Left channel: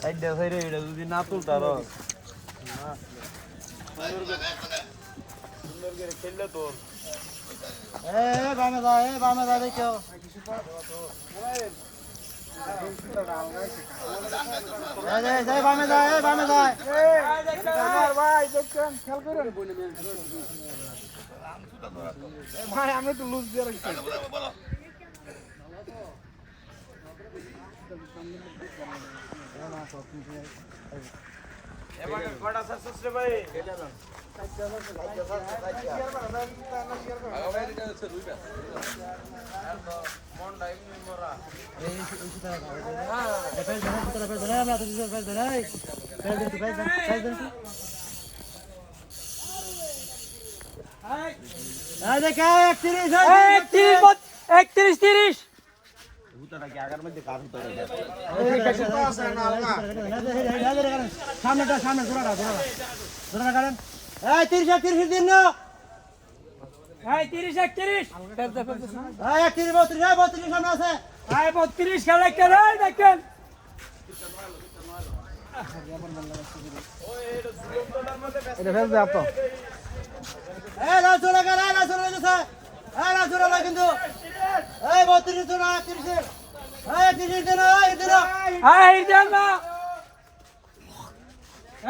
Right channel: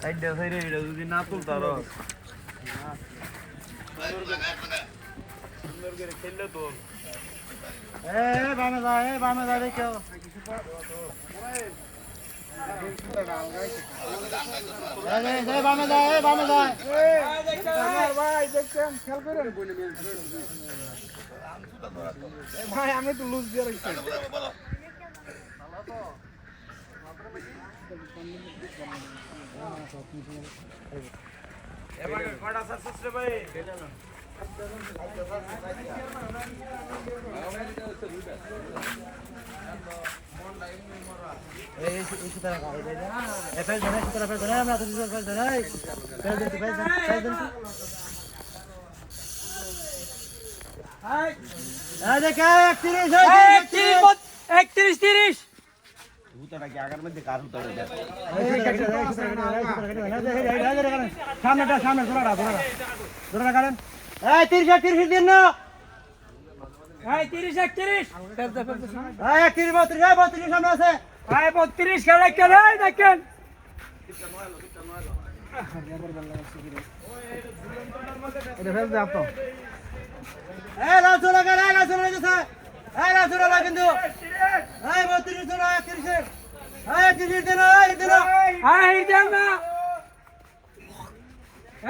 সাইডে সাইডে এটা যদি না তুলতো আরও বামে যায় দেখো বামে বামে যায় ভাই আমি তো লুজ দিয়ে রাখছি এই সুতরা গাও এই ফেল ধরে সুতরা ফেল ধরে আমরা তো ফেল ধরে ফেল ধরে ফেল ধরে ফেল ধরে এই দেখে 31 একত্রিশ তিরিশ সামনেটা সামনে 30 30 দিন না এই তিরিশ একত্রিশ। এই 31 32 32 সামনে আছে। এই বত্রিশ খেলে খেলে দেখেন। এই রাজু লাগা রে? রাজু লাগা এই রাজু কিন্তু। এই 32 ধরা 31 এই 31 দিন এই দিন। এই দেন না।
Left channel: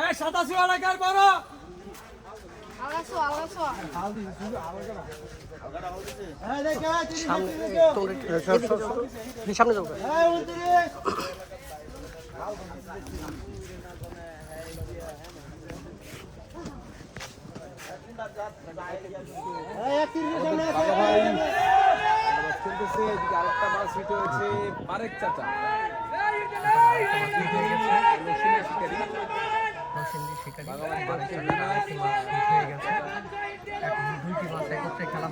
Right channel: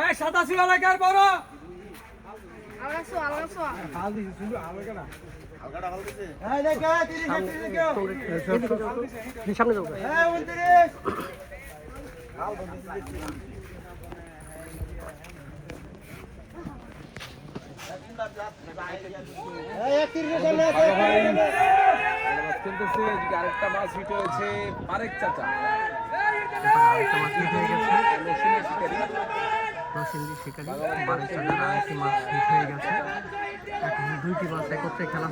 এই সাতাশি এলাকার বড় Abraço, abraço. এই দেখে 30 দেখো সামনে যাব এই 29 এই 31 সামনে আছে খেলতেছে এদিকে আরেকটা মাছ হিট হয়েছে আরেক চাচা শিকারি বানেশ্বরের আরেকটি মাছ হয়ে গেছে এখন দুইটি খেলা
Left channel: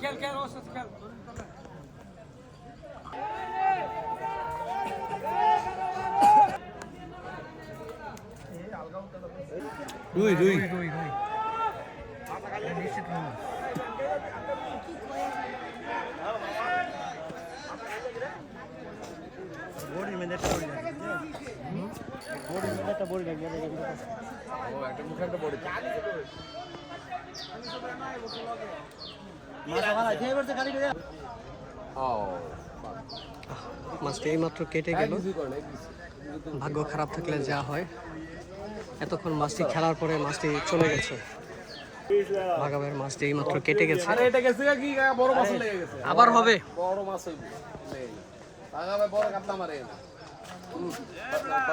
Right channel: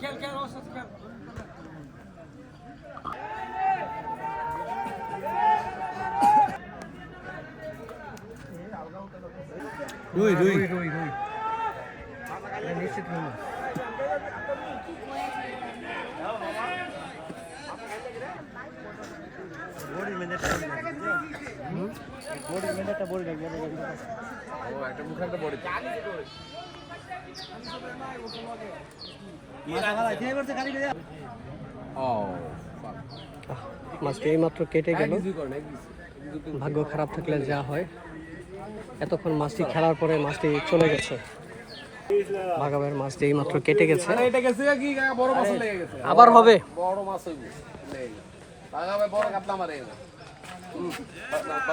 খেল খেল খেল রুই রুই। রুই রুই নিশ্চিত রুই। বড়ি লাগবে ও একটা মুখানটা মাছটি এইমাত্র কেটে গেল। না কিছু। ভাগ্য খারাপ থাকলে যা হয়। এতক্ষণ মাছটি খেলার পরে মাছটি চলে গেছে। ভাগাবের মাছটি এইমাত্র কেটে গেছে। আবার হবে। বড় মাছ